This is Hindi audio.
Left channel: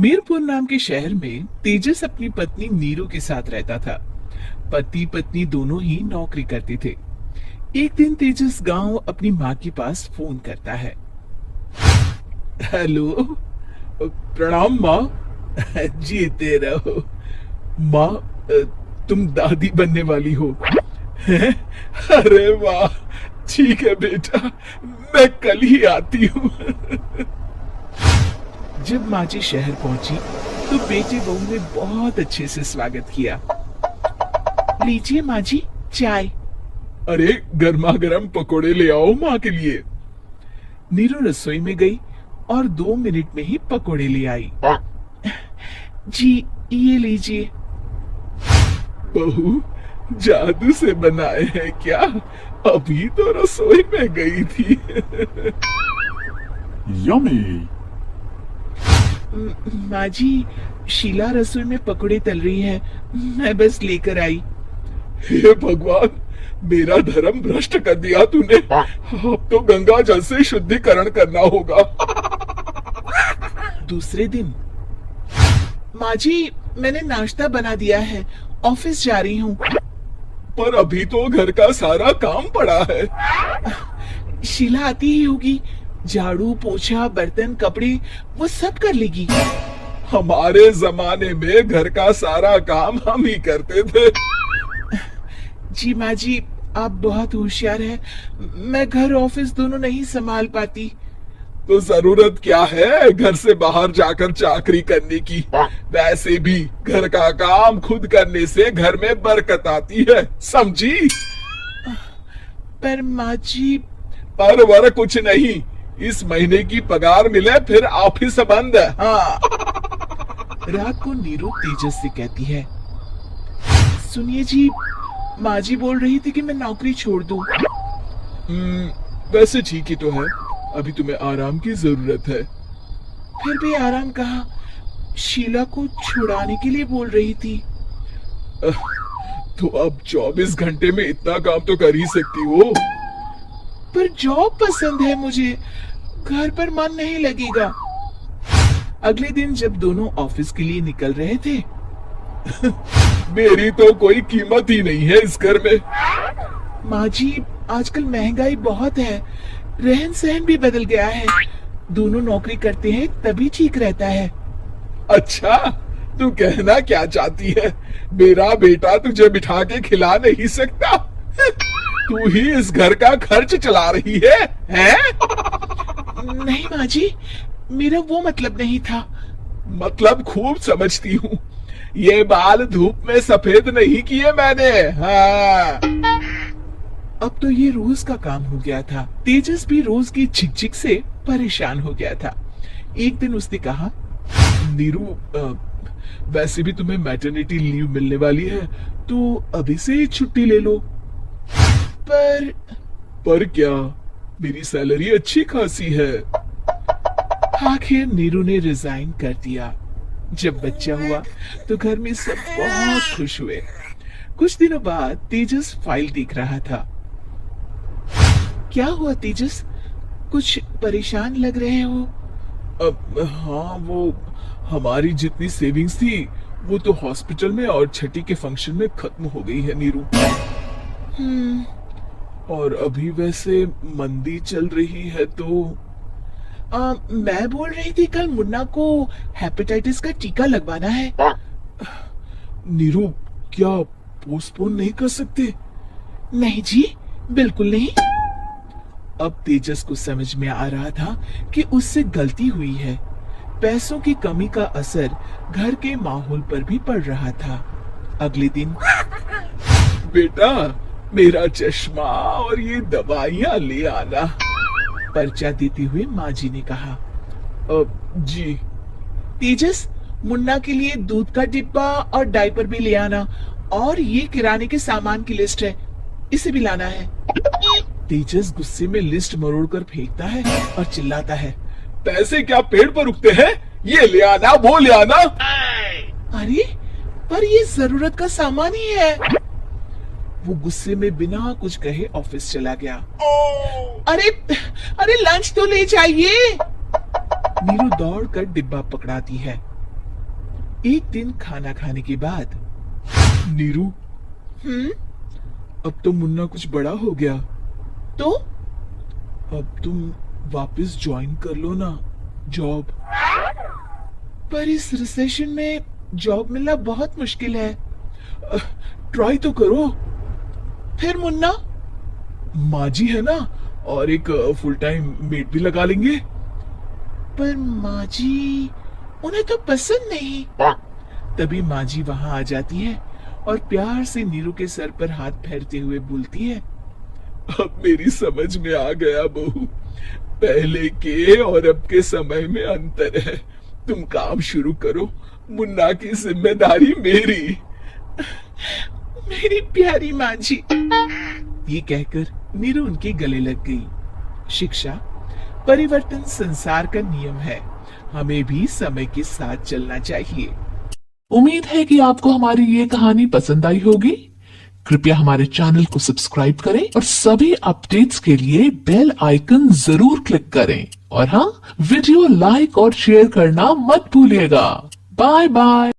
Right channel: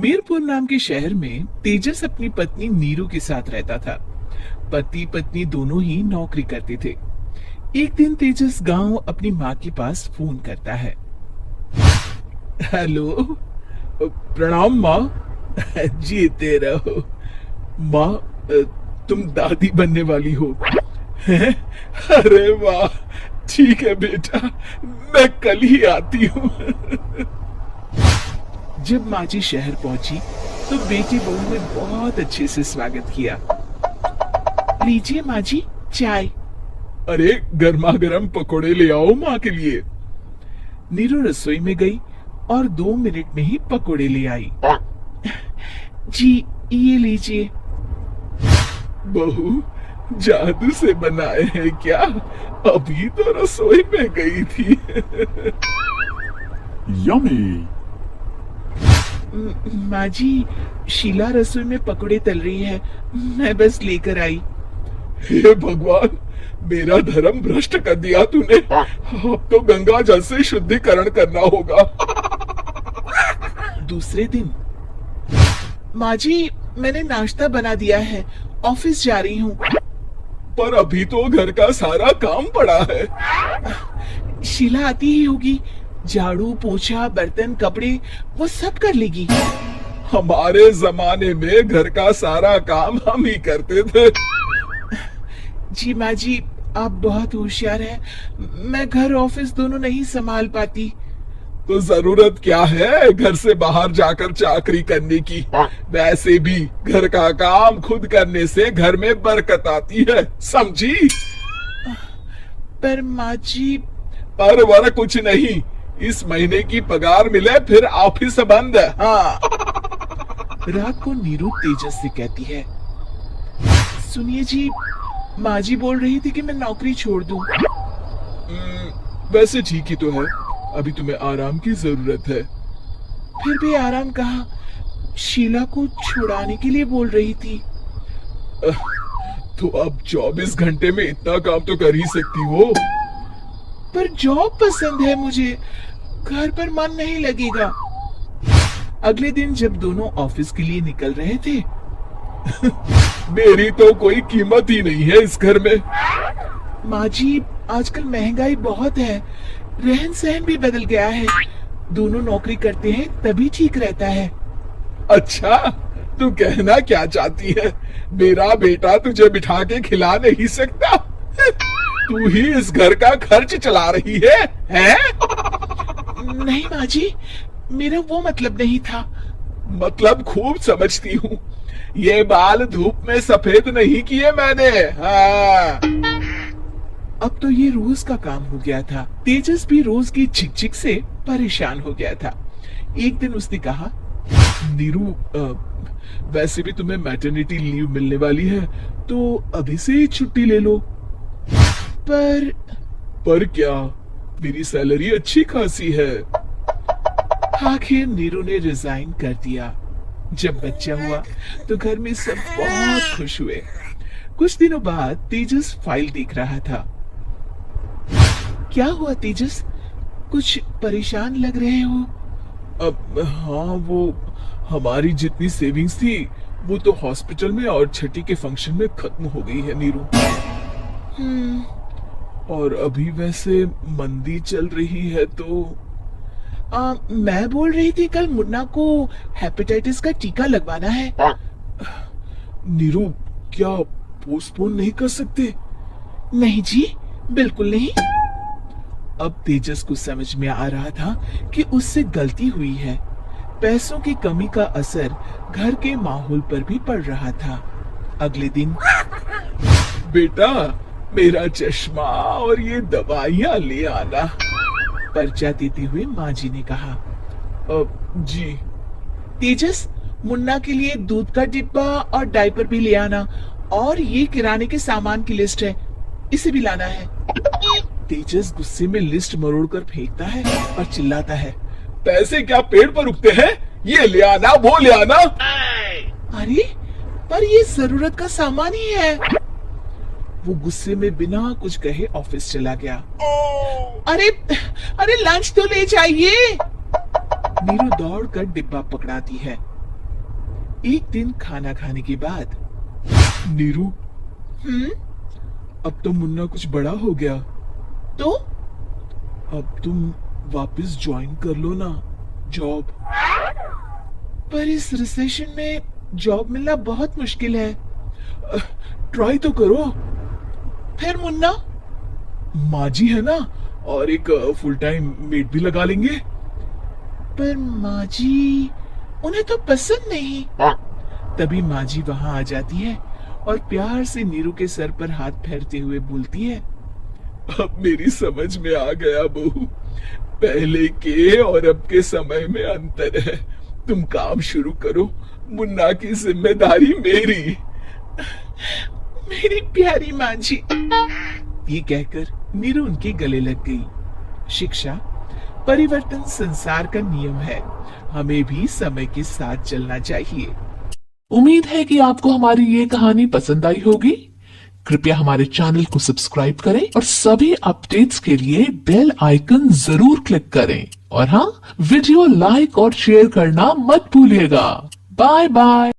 मीरपुर नाम के शहर में तेजस अपनी पत्नी नीरू के साथ रहता था। पति पत्नी दोनों ही नौकरी करते थे। एक दिन तेजस गांव अपनी माँ के पास फोन करता है। हेलो, प्रणाम माँ। जीते रहो माँ, तुम दादी बनने वाली हो। अरे वाह, ठीक है बेटा, मैं कल ही आती हूँ। जब माँ जी शहर पहुंची तो बेटे बहू ने बहुत अच्छे से स्वागत किया। लीजिए माँ जी, चाय। अरे गर्मा गर्म पकोड़े ले आओ माँ के लिए। नीरू रसोई में गई और 2 मिनट में ही पकोड़े ले आई। जी ये लीजिए। बहू जादू से बनाए हैं क्या? अभी तो रसोई में गई थी। यम्मी। माँ जी, शीला रसोई में पकोड़े तल रही है, मैं बस लेकर आई। हे भगवान, मेरा धर्म भ्रष्ट कर दिया तूने। अब तो गंगा जल से शुद्धिकरण करना होगा। दूसरे दिन, माँ जी मैंने नाश्ता बना दिया है, ऑफिस जा रही हूँ। पर अभी तो घर का सारा काम पड़ा है। शीला आती ही होगी, झाड़ू पोछा बर्तन कपड़े वो सब कर लेगी। हमारे जमाने में घर का सारा काम हम ही करते थे। जी माँ जी, आप बहुत होशियार हैं, मैं घर ऑफिस दोनों नहीं संभाल पाती। तो जरूरत क्या है घर से बाहर जाकर चाकरी करने की? वैसे भी घर का काम खुद करने से घर में बरकत आती है, समझी? पर माँ जी। पर वर कुछ नहीं, इस महीने की पगार मिले फिर ऑफिस बंद। हाँ। रात को नीरू तेजस से कहती है, सुनिए जी, माँ जी बोल रही थी कि मैं नौकरी छोड़ दूं। वैसे ठीक ही तो है, अभी तुम्हें आराम की जरूरत है। फिर भी आराम कहाँ, शीला को छुड़ाने के लिए बोल रही थी। तो अब 24 घंटे में इतना काम तो कर ही सकती हो। पर जॉब पसंद है मुझे, घर पर मन नहीं लगेगा। अगले दिन जब दोनों ऑफिस के लिए निकल रहे थे, मेरी तो कोई कीमत ही नहीं है इस घर में। माँ जी, आजकल महंगाई बहुत है, रहन सहन भी बदल गया है, दोनों नौकरी करते हैं तभी ठीक रहता है। अच्छा, तू कहना क्या चाहती है? मेरा बेटा तुझे बिठा के खिला नहीं सकता? तू ही इस घर का खर्च चला रही है, हैं? नहीं माँ जी, मेरा वो मतलब नहीं था। मतलब खूब समझती हूँ, ये बाल धूप में सफेद नहीं किए मैंने। हाँ। अब तो ये रोज का काम हो गया था। तेजस भी रोज की झिकझिक से परेशान हो गया था। एक दिन उसने कहा, नीरू, वैसे भी तुम्हें मैटरनिटी लीव मिलने वाली है, तो अभी से ही छुट्टी ले लो। पर क्या, मेरी सैलरी अच्छी खासी है। आखिर नीरू ने रिजाइन कर दिया। जब बच्चा हुआ तो घर में सब बहुत खुश हुए। कुछ दिनों बाद तेजस फाइल देख रहा था। क्या हुआ तेजस, कुछ परेशान लग रहे हो? अब हाँ, वो हमारी जितनी सेविंग्स थी वो तो हॉस्पिटल में और छठी के फंक्शन में खत्म हो गई है नीरू। और अभी वैसे मंदी चल रही है तो मैं बोल रही थी कल मुन्ना को हेपेटाइटिस का टीका लगवाना है। नीरू, क्या पोस्टपोन नहीं कर सकते? नहीं जी, बिल्कुल नहीं। अब तेजस को समझ में आ रहा था कि उससे गलती हुई है। पैसों की कमी का असर घर के माहौल पर भी पड़ रहा था। अगले दिन, बेटा मेरा चश्मा और ये दवाइयाँ ले आना, पर्चा देते हुए माँ जी ने कहा। जी। तेजस, मुन्ना के लिए दूध का डिब्बा और डायपर भी ले आना, और ये किराने के सामान की लिस्ट है, इसे भी लाना है। तेजस गुस्से में लिस्ट मरोड़कर फेंकता है और चिल्लाता है, पैसे क्या पेड़ पर उगते हैं? ये ले आना, वो ले आना। अरे पर ये जरूरत का सामान ही है। वो गुस्से में बिना कुछ कहे ऑफिस चला गया। अरे अरे लंच तो ले जाइए। नीरू दौड़ कर डिब्बा पकड़ाती है। एक दिन खाना खाने के बाद, नीरू, अब तो मुन्ना कुछ बड़ा हो गया, तो अब तुम वापस ज्वाइन कर लो ना जॉब। पर इस रिसेशन में जॉब मिलना बहुत मुश्किल है। ट्राई तो करो। फिर मुन्ना, माँ जी है ना, और एक फुल टाइम मेड भी लगा लेंगे। पर माँ जी, उन्हें तो पसंद नहीं। तभी माँ जी वहां आ जाती है और प्यार से नीरू के सर पर हाथ फेरते हुए बोलती है, अब मेरी समझ में आ गया बहू, पहले के और अब के समय में अंतर है। तुम काम शुरू करो, मुन्ना की जिम्मेदारी मेरी। मेरी प्यारी माँ जी। ये कहकर नीरू उनके गले लग गई। शिक्षा, परिवर्तन संसार का नियम है, हमें भी समय के साथ चलना चाहिए। उम्मीद है कि आपको हमारी ये कहानी पसंद आई होगी। कृपया हमारे चैनल को सब्सक्राइब करें और सभी अपडेट्स के लिए बेल आइकन जरूर क्लिक करें। और हाँ, वीडियो लाइक और शेयर करना मत भूलिएगा। Bye bye.